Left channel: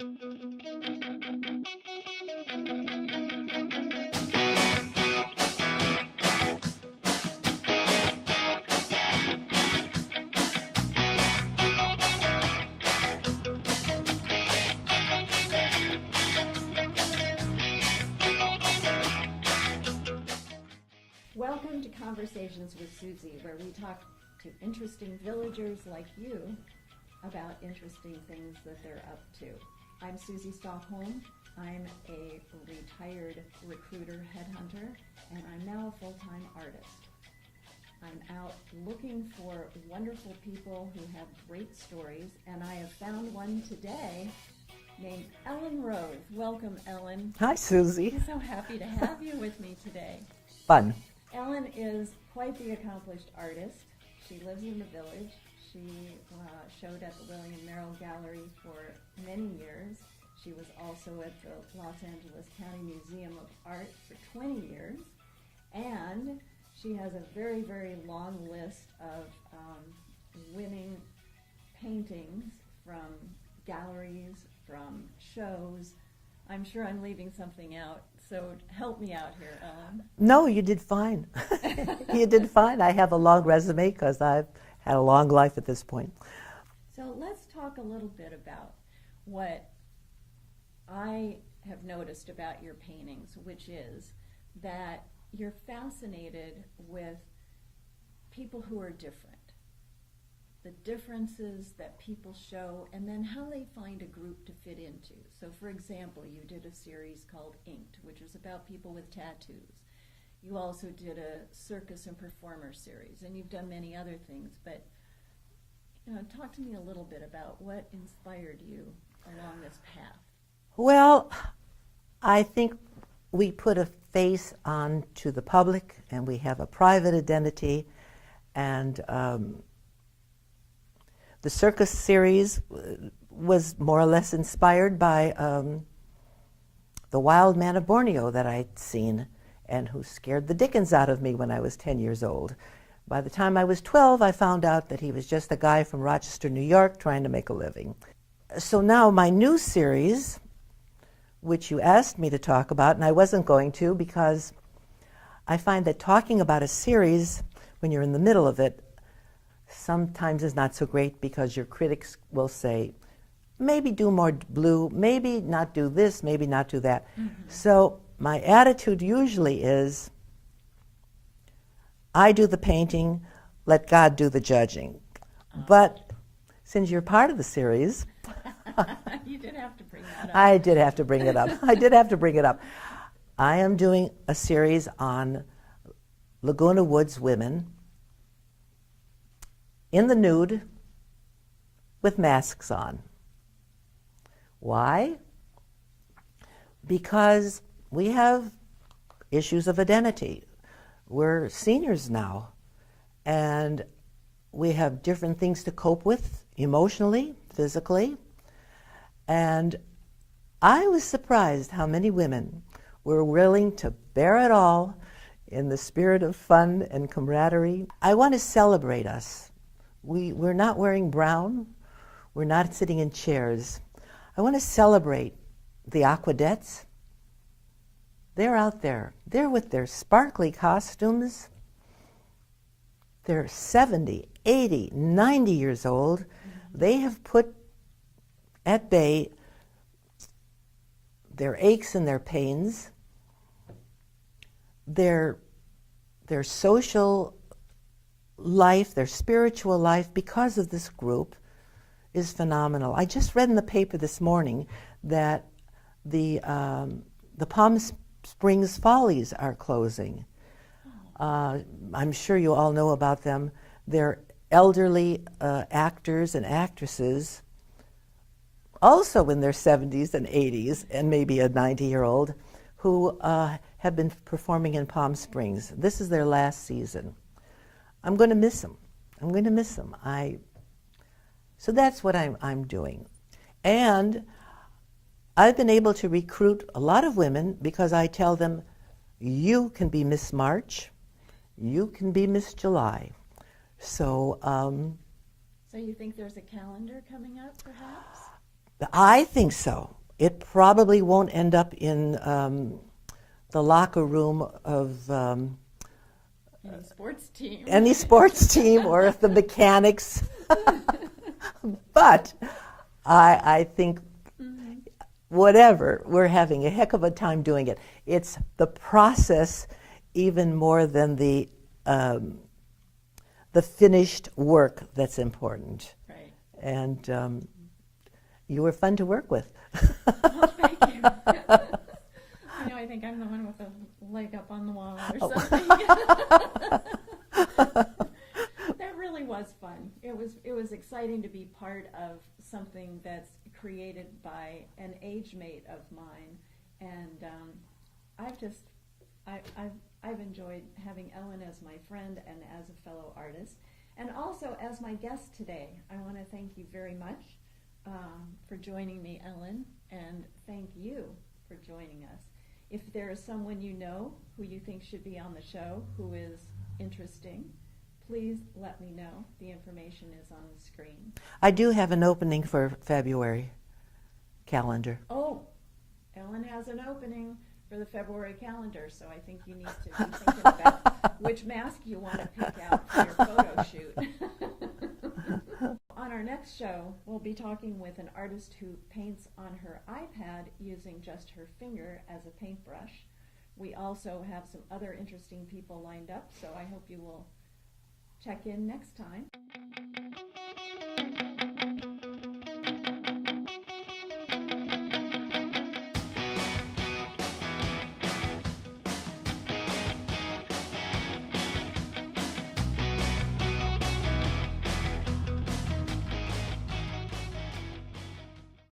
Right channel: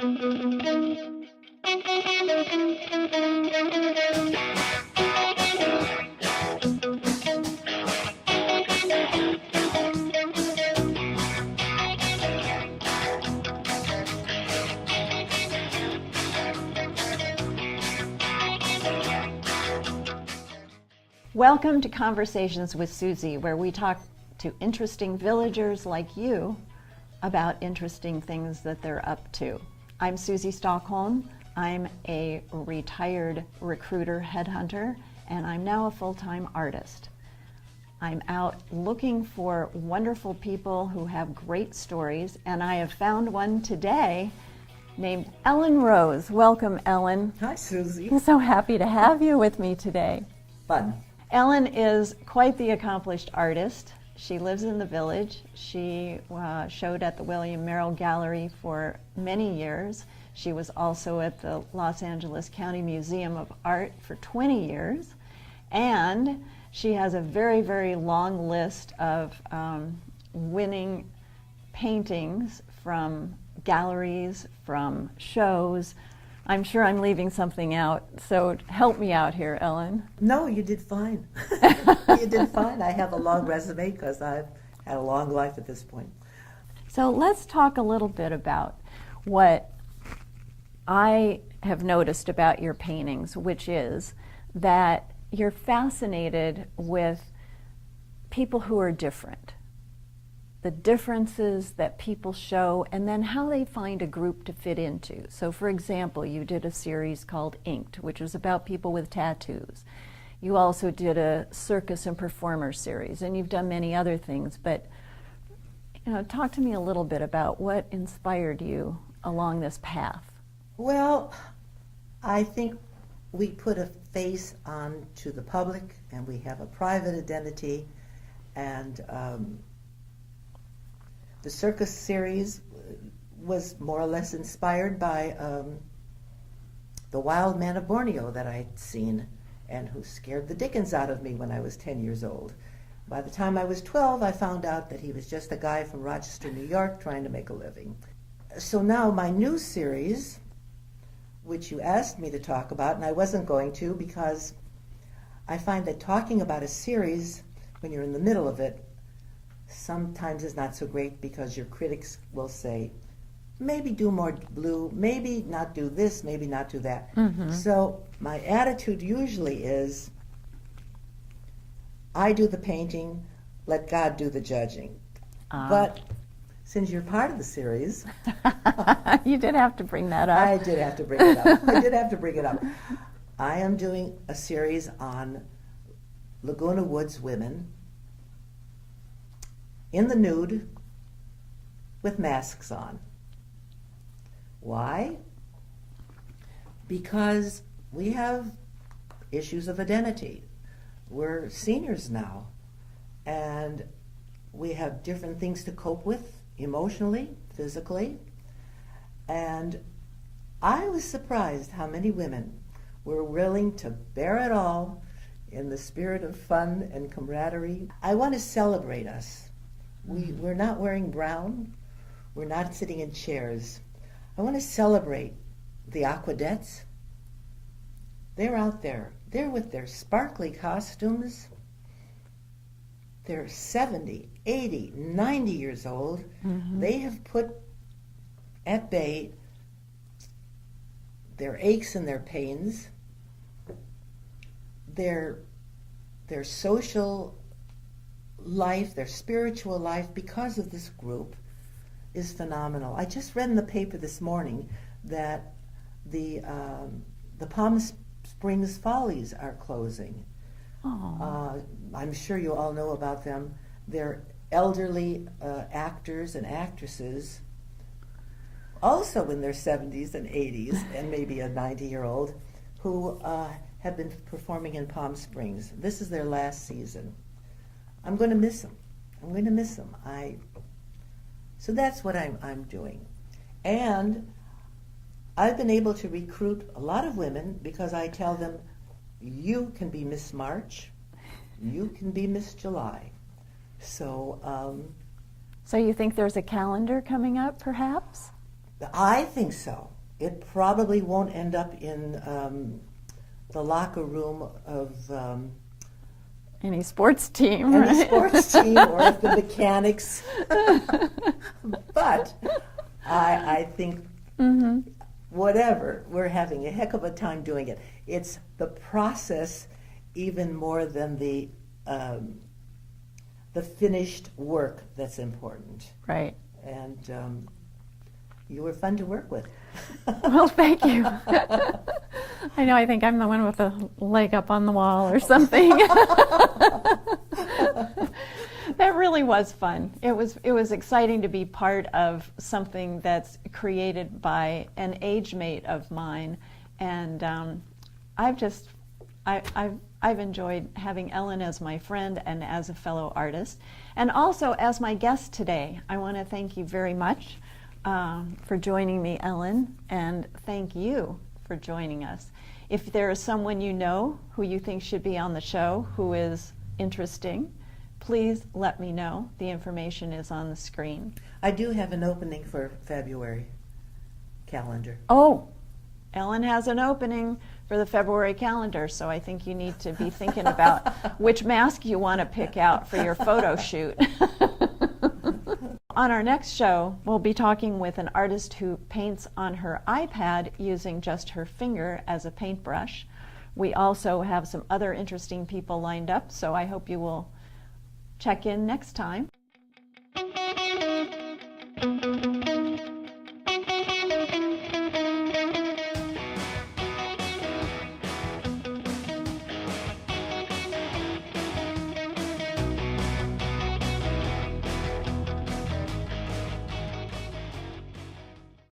Welcome to Conversations with Susie, where we talk to interesting villagers like you about interesting things that they're up to. I'm Susie Stockholm. I'm a retired recruiter headhunter, and I'm now a full-time artist. I'm out looking for wonderful people who have great stories, and I have found one today named Ellen Rose. Welcome, Ellen. Hi, Susie. I'm so happy to have you with me today. Fun. Ellen is quite the accomplished artist. She lives in the village. She showed at the William Merrill Gallery for many years. She was also at the Los Angeles County Museum of Art for 20 years. And she has a very, very long list of winning paintings from galleries, from shows. I'm sure I'm leaving something out, so help me out here, Ellen. No, you did fine. You did fine. I have a long resume because I've had a long life at this point. So let's talk a little bit about what I have noticed about your paintings, which is that you're fascinated with people who are different, the differences that people show, and then how they find a group to fit into. So for example, you did a series called Inked, which was about people with tattoos. You also did a circus and performer series, and you've done many other things, but talk to me a little bit about what inspired you along this path. Well, I think we put a face on to the public, and we have a private identity, and the circus series was more or less inspired by the wild man of Borneo that I'd seen and who scared the dickens out of me when I was 10 years old. By the time I was 12, I found out that he was just a guy from Rochester, New York, trying to make a living. So now my new series, which you asked me to talk about, and I wasn't going to because I find that talking about a series when you're in the middle of it sometimes is not so great because your critics will say, maybe do more blue, maybe not do this, maybe not do that. Mm-hmm. So my attitude usually is, I do the painting, let God do the judging. But since you're part of the series... You did have to bring that up. I did have to bring it up. I did have to bring it up. I am doing a series on Laguna Woods women in the nude with masks on. Why? Because we have issues of identity. We're seniors now, and we have different things to cope with emotionally, physically, and I was surprised how many women were willing to bear it all in the spirit of fun and camaraderie. I want to celebrate us. We're not wearing brown. We're not sitting in chairs. I want to celebrate the Aquadettes. They're out there. They're with their sparkly costumes. They're 70, 80, 90 years old. Mm-hmm. They have put at bay their aches and their pains, their social life, their spiritual life, because of this group, is phenomenal. I just read in the paper this morning that the Palm Springs Follies are closing. I'm sure you all know about them. They're elderly actors and actresses, also in their 70s and 80s, and maybe a 90-year-old, who have been performing in Palm Springs. This is their last season. I'm going to miss them. I'm going to miss them. So that's what I'm doing. And I've been able to recruit a lot of women because I tell them, you can be Miss March, you can be Miss July. So so you think there's a calendar coming up, perhaps? I think so. It probably won't end up in the locker room of Any sports team. any right? sports team or the mechanics. But I think whatever, we're having a heck of a time doing it. It's the process even more than the finished work that's important. Right. And you were fun to work with. Well, thank you. I know, I think I'm the one with a leg up on the wall or something. That really was fun. It was exciting to be part of something that's created by an age mate of mine, and I've enjoyed having Ellen as my friend and as a fellow artist, and also as my guest today. I want to thank you very much for joining me, Ellen, and thank you for joining us. If there is someone you know who you think should be on the show who is interesting, please let me know. The information is on the screen. I do have an opening for February calendar. Oh, Ellen has an opening for the February calendar, so I think you need to be thinking about which mask you want to pick out for your photo shoot. On our next show, we'll be talking with an artist who paints on her iPad using just her finger as a paintbrush. We also have some other interesting people lined up, so I hope you will check in next time.